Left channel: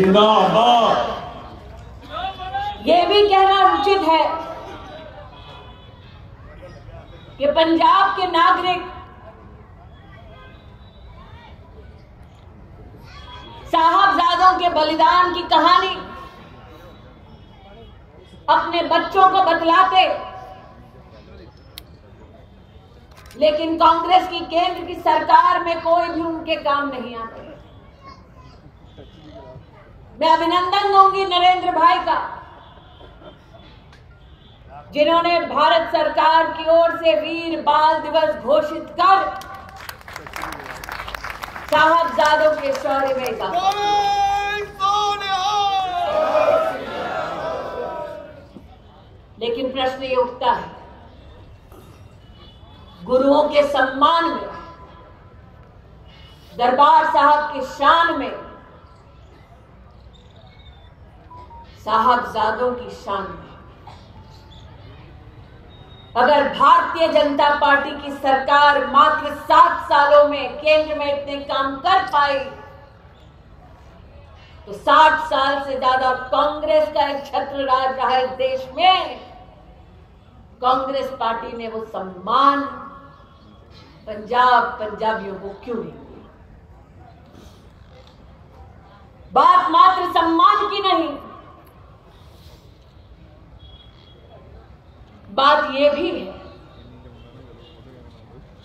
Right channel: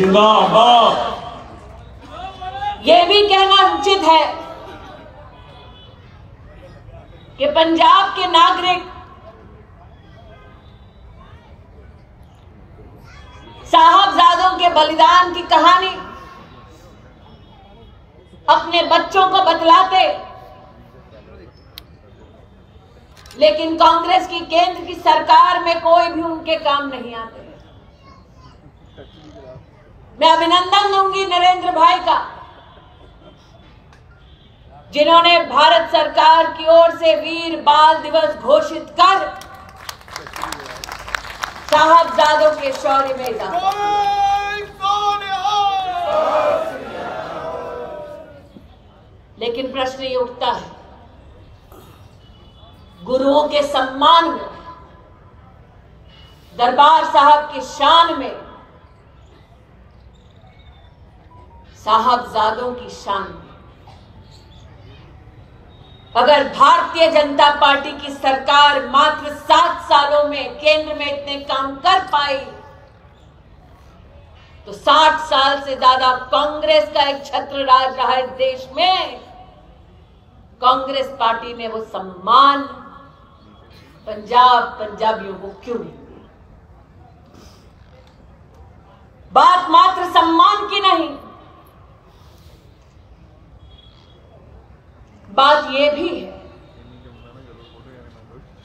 जिंदाबाद। ये भी कहना उचित है कि पंजाब के नागरिक साहबजादों के बलिदान की कहानी अपने बच्चों को बतलाते, लेकिन कांग्रेस की केंद्र की सरकार में कोई भी उनके काम नहीं आते। मैं अभिनंदन दूंगी नरेंद्र भाई का, जिन्होंने भारत सरकार की ओर से वीर बाल दिवस घोषित कर साहबजादों के शौर्य में इजाफा। लेकिन प्रश्न ये उठता है, गुरुओं के सम्मान में, दरबार साहब की शान में, साहबजादों की शान में, अगर भारतीय जनता पार्टी की सरकार मात्र 7 सालों में केंद्र में इतने काम कर पाई, तो 60 साल से ज्यादा कांग्रेस का एक छत्र राज रहा इस देश में, कांग्रेस पार्टी ने वो सम्मान पंजाबियों को क्यों नहीं दी? बात मात्र सम्मान की नहीं, बात यह भी है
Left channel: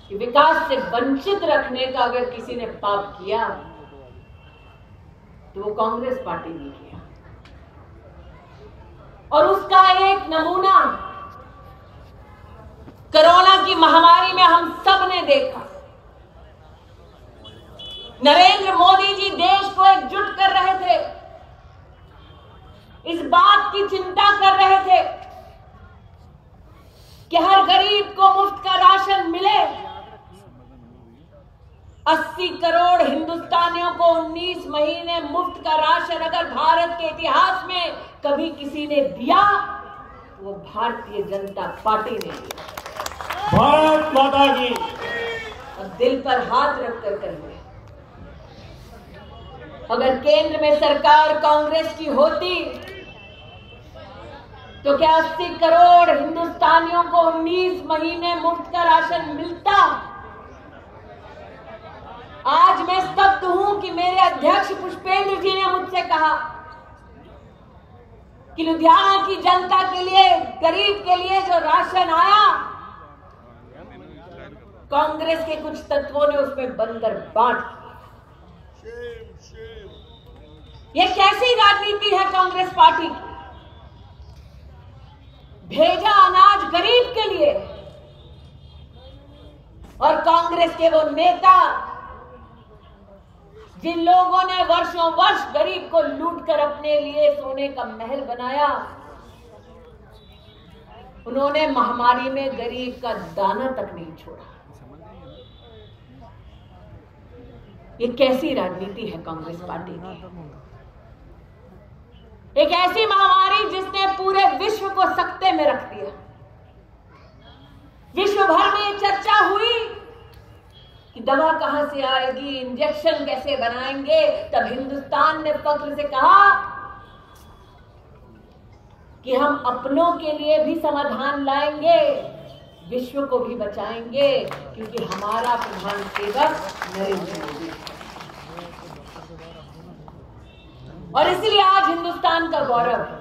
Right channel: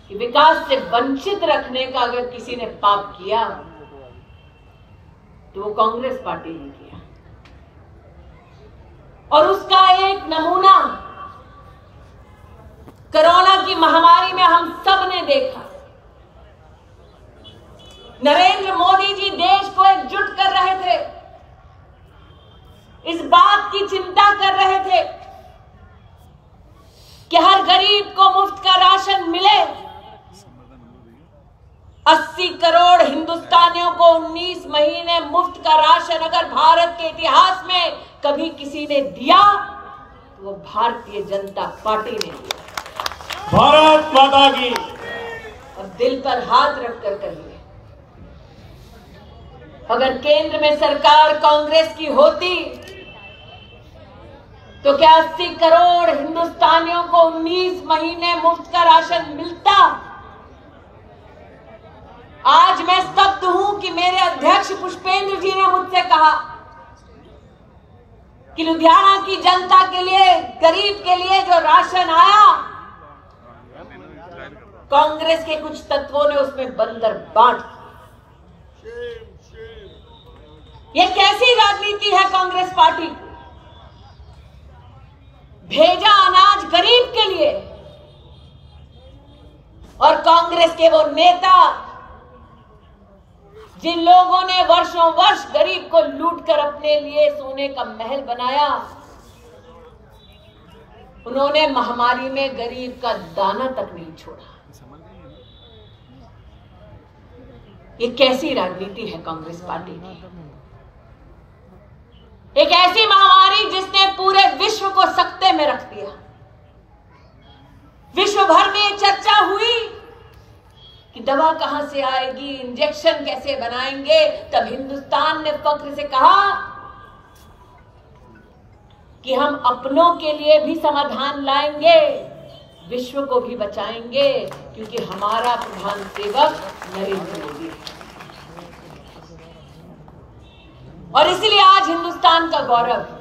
कि विकास से वंचित रखने का अगर किसी ने पाप किया तो वो कांग्रेस पार्टी ने किया। और उसका एक नमूना कोरोना की महामारी में हम सब ने देखा। नरेंद्र मोदी जी देश को एकजुट कर रहे थे, इस बात की चिंता कर रहे थे कि हर गरीब को मुफ्त का राशन मिले। 80 करोड़ हिंदुस्तानियों को 19 महीने मुफ्त का राशन अगर भारत के इतिहास में कभी किसी ने दिया तो वो भारतीय जनता पार्टी ने दिया। भारत माता की। अब दिल पर हाथ रखकर कहिए, अगर केंद्र में सरकार कांग्रेस की होती तो क्या 80 करोड़ हिंदुस्तानियों को 19 महीने मुफ्त का राशन मिलता? आज मैं स्तब्ध हूं कि मेरे अध्यक्ष पुष्पेंद्र जी ने मुझसे कहा कि लुधियाना की जनता के लिए, गरीब के लिए जो राशन आया, कांग्रेस के कुछ तत्वों ने उसमें बंदर बांट। ये कैसी राजनीति है कांग्रेस पार्टी? भेजा अनाज गरीब के लिए, और कांग्रेस के वो नेता जिन लोगों ने वर्षों वर्ष गरीब को लूटकर अपने लिए सोने का महल बनाया, उन्होंने महामारी में गरीब का दाना तक नहीं छोड़ा। ये कैसी राजनीति है कांग्रेस पार्टी की? एक ऐसी महामारी जिसने पूरे विश्व को सकते में रख दिया। विश्व भर में ये चर्चा हुई कि दवा कहां से आएगी, इंजेक्शन कैसे बनाएंगे। तब हिंदुस्तान ने फख्र से कहा कि हम अपनों के लिए भी समाधान लाएंगे, विश्व को भी बचाएंगे, क्योंकि हमारा प्रधान सेवक नरेंद्र मोदी है। और इसलिए आज हिंदुस्तान का गौरव है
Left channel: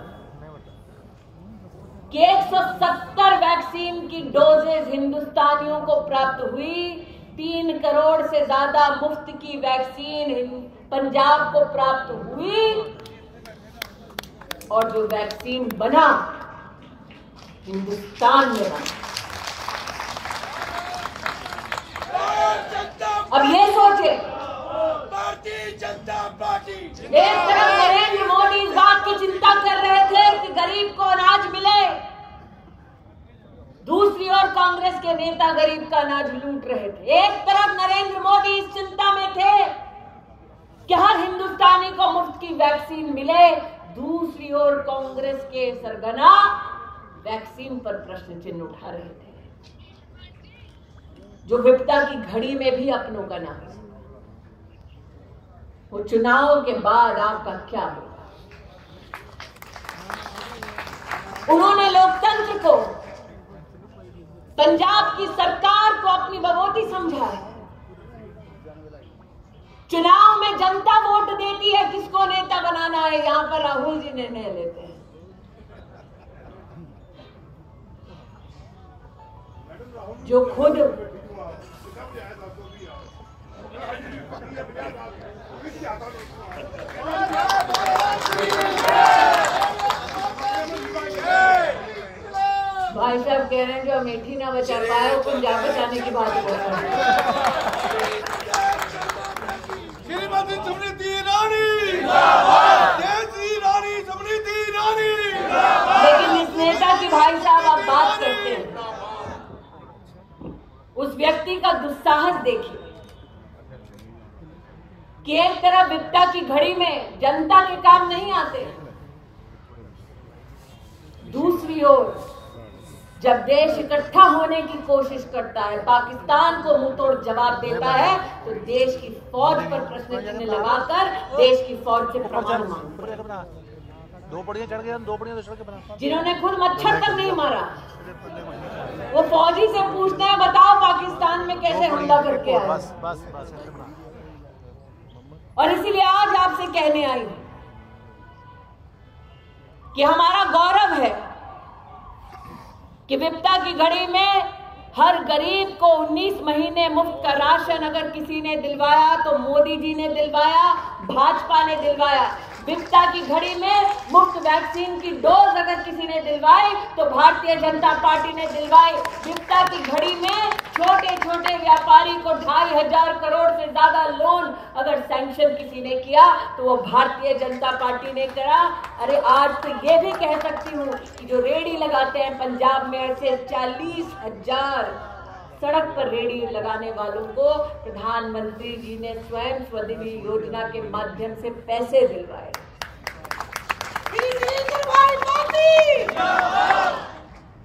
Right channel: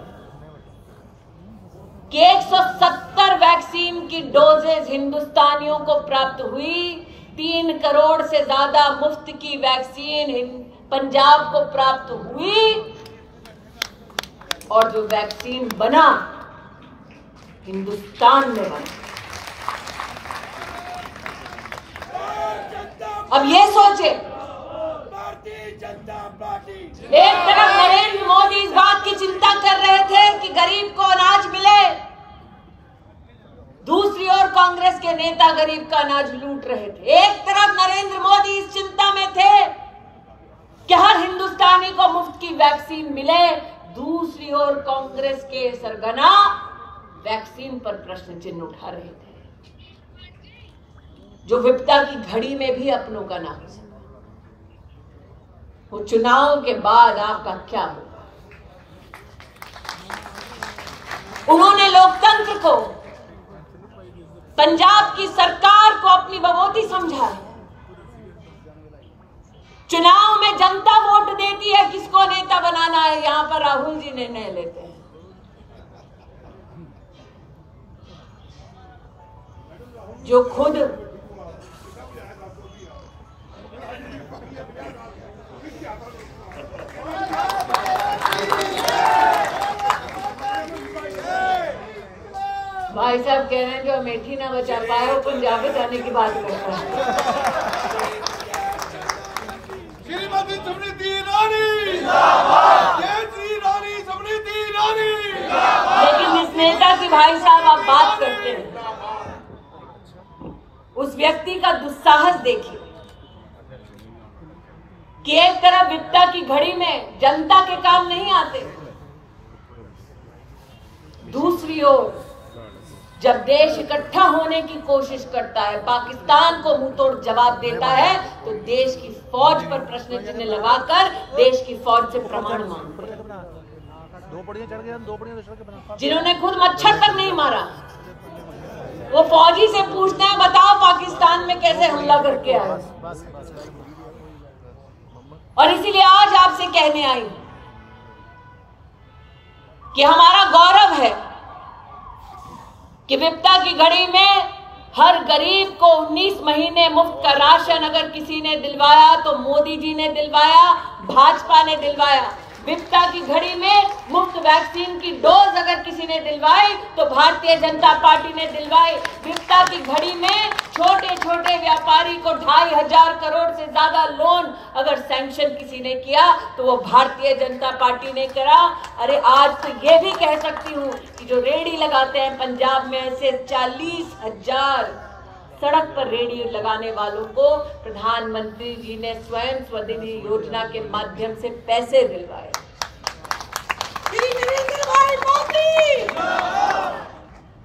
कि 170 वैक्सीन की डोजेज हिंदुस्तानियों को प्राप्त हुई। 3 करोड़ से ज्यादा मुफ्त की वैक्सीन पंजाब को प्राप्त हुई, और जो वैक्सीन बना हिंदुस्तान में बना। अब ये सोचे, एक तरफ नरेंद्र मोदी इस बात की चिंता कर रहे थे कि गरीब को अनाज मिले, दूसरी ओर कांग्रेस के नेता गरीब का अनाज लूट रहे थे। एक तरफ नरेंद्र मोदी इस चिंता में थे कि हर हिंदुस्तानी को मुफ्त की वैक्सीन मिले, दूसरी ओर कांग्रेस के सरगना वैक्सीन पर प्रश्न चिन्ह उठा रहे थे, जो विपदा की घड़ी में भी अपनों का ना हो सका। वो चुनाव के बाद आपका क्या होगा। उन्होंने लोकतंत्र को, पंजाब की सरकार को अपनी बमोती समझा है। चुनाव में जनता वोट देती है किसको नेता बनाना है, यहां पर राहुल जी निर्णय लेते हैं। जो खुद भाई साहब कह रहे हैं जो अमेठी ना बचा पाए वो पंजाब बचाने की बात करते हैं। श्रीमती समृद्धि ईरानी जिंदाबाद, जय श्री रानी समृद्धि ईरानी जिंदाबाद। लेकिन इस नेता की भाई साहब आप बात करते हैं, उस व्यक्ति का दुस्साहस देखिए कि एक तरफ विपदा की घड़ी में जनता के काम नहीं आते, दूसरी ओर जब देश इकट्ठा होने की कोशिश करता है, पाकिस्तान को मुंहतोड़ जवाब देता है, तो देश की फौज पर प्रश्न चिन्ह लगाकर देश की फौज से परमाणु मांगते हैं। जिन्होंने खुद मच्छर तक नहीं मारा, वो फौजी से पूछते हैं बताओ पाकिस्तान में कैसे हमला करके आए। और इसीलिए आज आपसे कहने आई हूं कि हमारा गौरव है कि विपदा की घड़ी में हर गरीब को 19 महीने मुफ्त का राशन अगर किसी ने दिलवाया तो मोदी जी ने दिलवाया, भाजपा ने दिलवाया। विपदा की घड़ी में मुफ्त वैक्सीन की डोज अगर किसी ने दिलवाई तो भारतीय जनता पार्टी ने दिलवाई। विपदा की घड़ी में छोटे छोटे व्यापारी को 2,500 करोड़ से ज्यादा लोन अगर सैंक्शन किसी ने किया तो वो भारतीय जनता पार्टी ने करा। अरे आज तो ये भी कह सकती हूँ कि जो रेहड़ी लगाते हैं पंजाब में, ऐसे 40,000 सड़क पर रेहड़ी लगाने वालों को प्रधानमंत्री जी ने स्वयं स्वनिधि योजना के माध्यम से पैसे दिलवाए।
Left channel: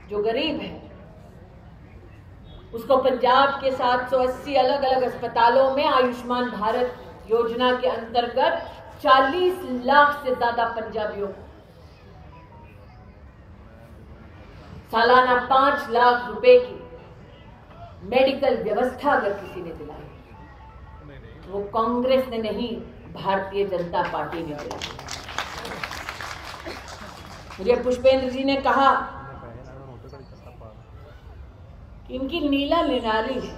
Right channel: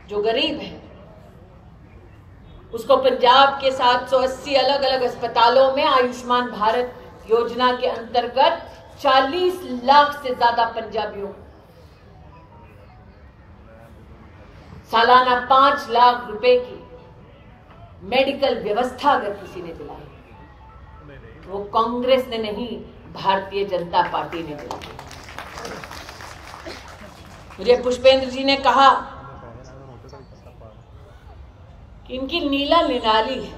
जो गरीब है उसको पंजाब के 780 अलग अलग अस्पतालों में आयुष्मान भारत योजना के अंतर्गत 40 लाख से ज्यादा पंजाबियों सालाना 5 लाख रुपए की मेडिकल व्यवस्था अगर किसी ने दिलाई, वो कांग्रेस ने नहीं, भारतीय जनता पार्टी ने दिलाई। मुझे पुष्पेंद्र जी ने कहा कि इनकी नीला निराली है,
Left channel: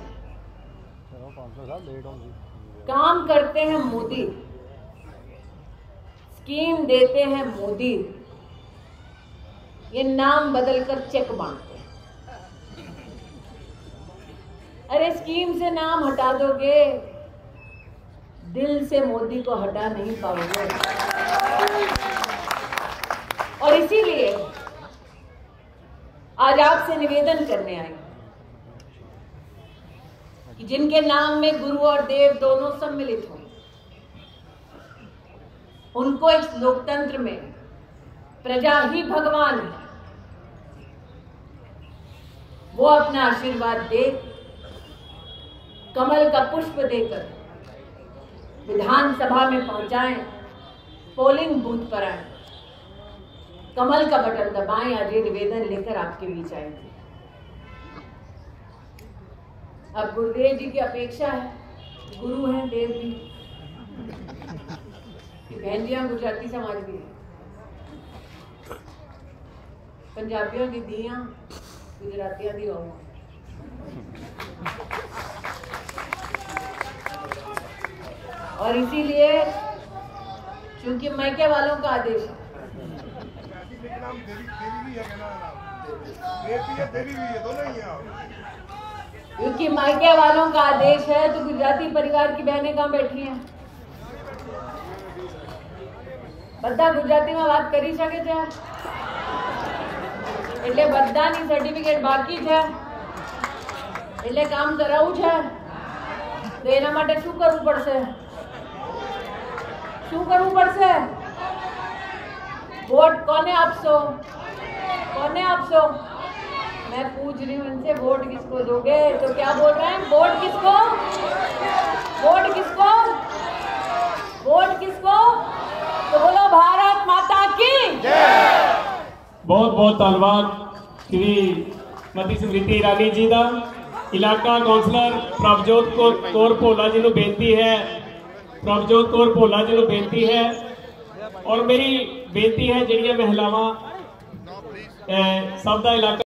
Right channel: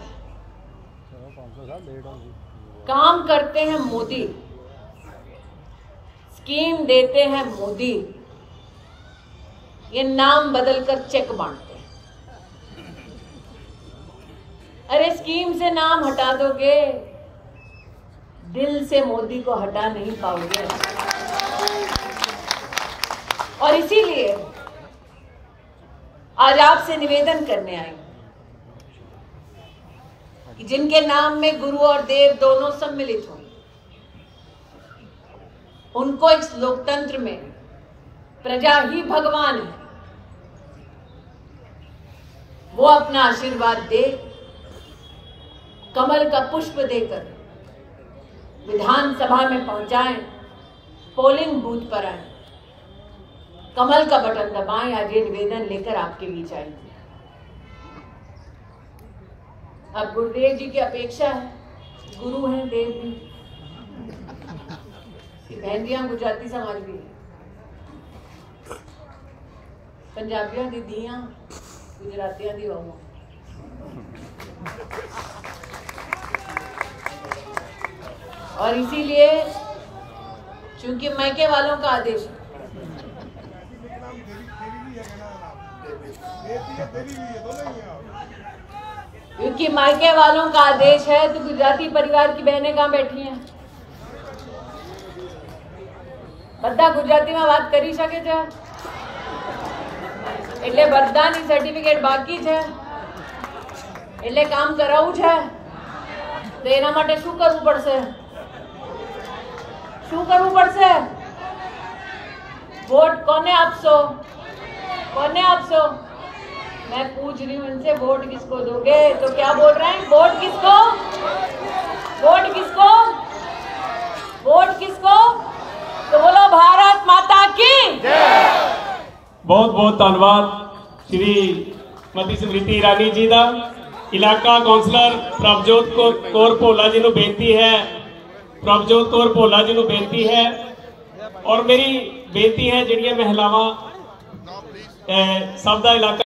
काम करते हैं मोदी, स्कीम देते हैं मोदी, ये नाम बदलकर चेक बांटते हैं। अरे स्कीम से नाम हटा दोगे, दिल से मोदी को हटा नहीं पाओगे। और इसीलिए आज आपसे निवेदन करने आई कि जिनके नाम में गुरु और देव दोनों सम्मिलित हो, उनको इस लोकतंत्र में प्रजा ही भगवान है, वो अपना आशीर्वाद दे, कमल का पुष्प देकर विधानसभा में पहुंचाएं, पोलिंग बूथ पर आए, कमल का बटन दबाएं। आज ये निवेदन लेकर आपके बीच आएंगे। अब गुरुदेव जी की अपेक्षा है, गुरु हैं देव भी, बहन जी गुजराती समाज भी है, पंजाबियों दी धीआं गुजरातियों दी बहू। और इसीलिए चूंकि मैके वालों का आदेश है, क्योंकि मायके वालों का आदेश है तो गुजराती परिवार की बहनें कहाँ बैठी हैं? બધા ગુજરાતીમાં વાત કરી શકે છે? એટલે બધાની સર્ટિફિકેટ બાકી છે, એટલે કામ કરાવવું છે, તો એના માટે શું કરવું પડશે? શું કરવું પડશે? वोट કોને આપશો? કોને આપશો? मैं पूछ रही हूँ इनसे, वोट किसको दोगे? तो क्या बोल रहे हैं? वोट किसको? वोट किसको? वोट किसको? तो बोलो भारत माता की। बहुत बहुत धन्यवाद श्रीमती स्मृति ईरानी जी का। इलाका कौंसलर प्रभजोत कौर भोला जी को बेनती है, प्रभजोत कौर भोला जी को बेनती है और मेरी बेनती है जिहड़ियां महिलावां सब दा इलाका